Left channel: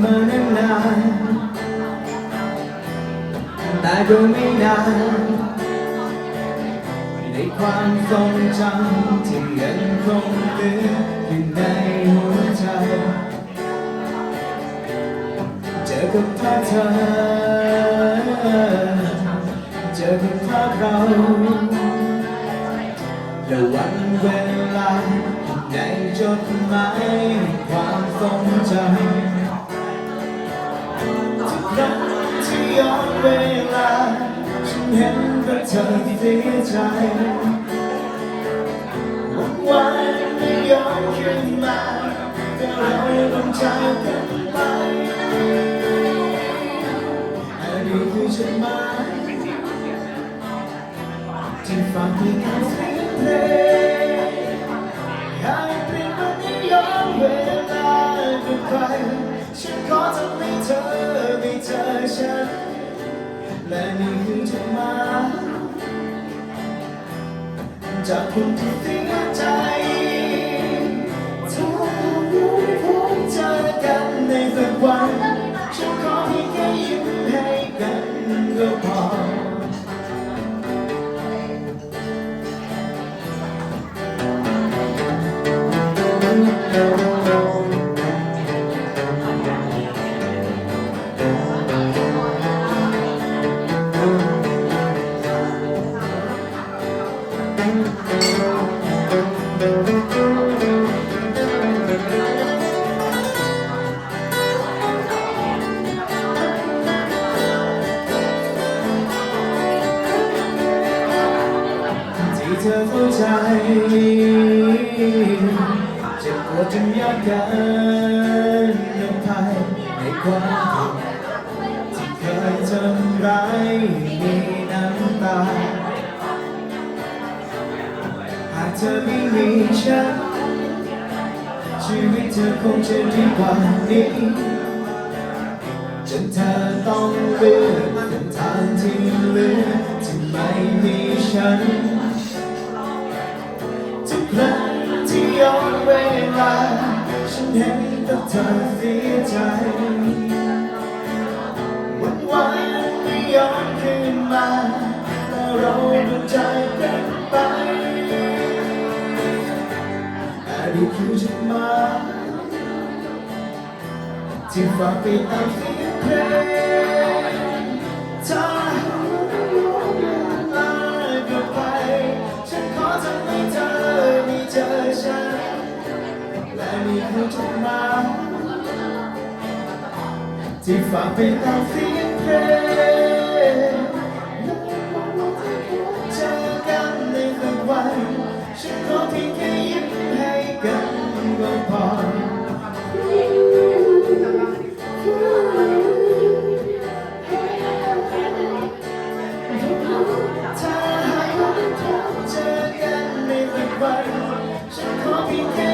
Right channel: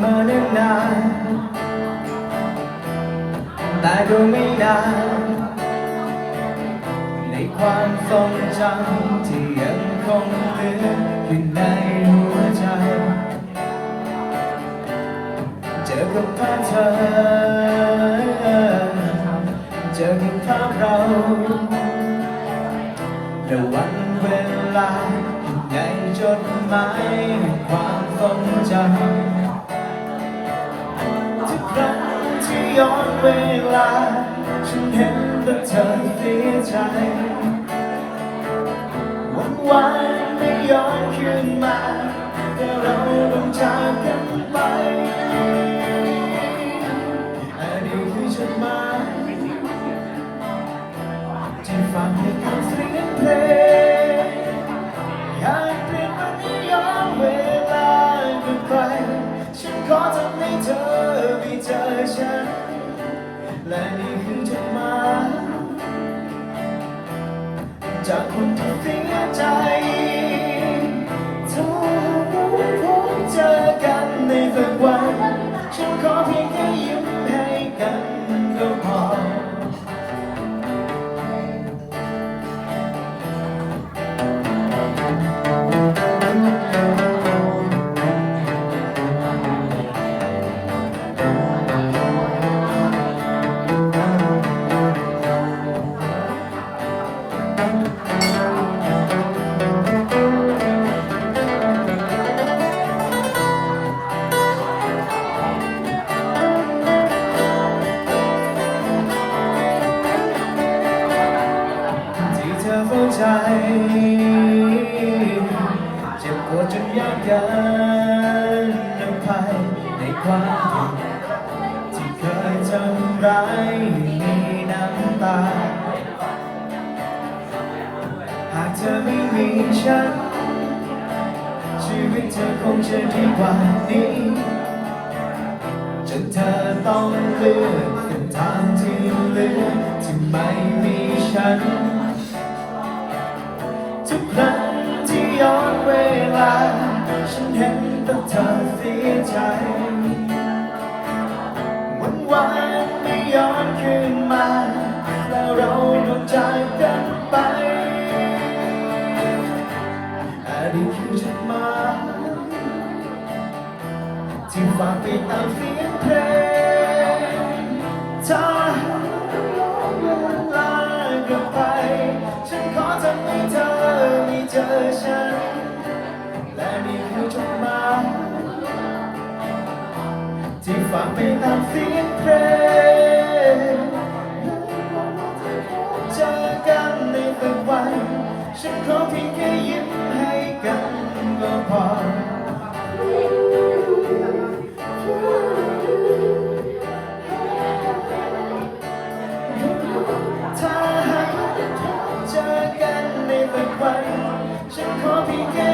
เนิ่นนานแต่ก็ไม่นานในความทรงจำที่ยังคงเหลืออยู่ในหัวใจ เจอกับภาพเธอ เจอกับภาพเราแต่วันเวลาใหญ่จดหมายความทรงจำ รักที่ย้อนเวลาฉันเห็นว่เธอที่เสียใจวันวานไม่ยอมคืนมาแต่เราต้องจากกันไปอดีตที่ฉันมา จากคนที่ทิ้งหัวใจ เธอเข้าใจเจ็บปวดจนยากเกินนำพายในความผิดที่เคยทำร้ายมีน้ำตา หากเธอไม่มีฉัน ชีวิตเธอคงจะดีกว่านี้จนเธอต้อง ครั้งที่ย้อนเวลา ฉันเห็นแต่เธอเสียใจวันวานไม่ย้อนคืนมาแต่เราก็จากกันไปอดีตคือฉันมาที่ฝากไปตามเสียงเพลง ที่ฝังไปตามเสียงเพลงเจอกันในตะวันฉันขอเพียงแค่ยิ้มให้กันก็พอถ้าหากเจอกันในตะวันฉันขอเพียงแค่